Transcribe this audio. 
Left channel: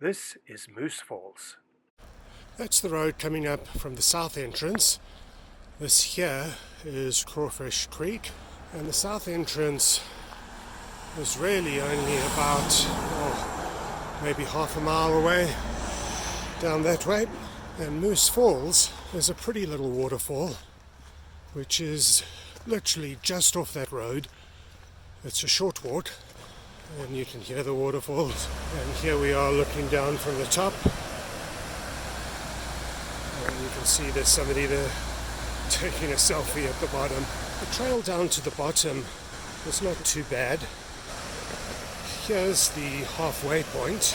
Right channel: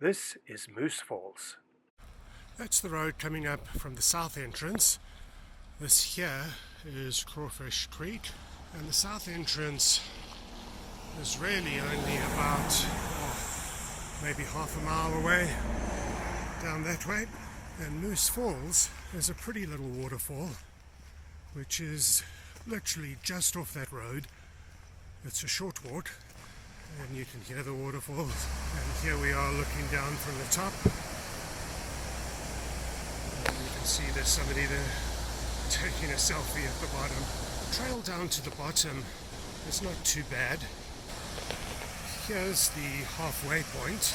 This is Moose Falls. That's the road coming up from the south entrance. This here is Crawfish Creek, and the south entrance is really only about maybe half a mile away down that way. And Moose Falls is a pretty little waterfall which is literally just off that road. It's a short walk and you can hear the waterfalls. And here we are looking down from the top, and you can see there's somebody there taking a selfie at the bottom. The trail down to the bottom is not too bad. Here's the halfway point.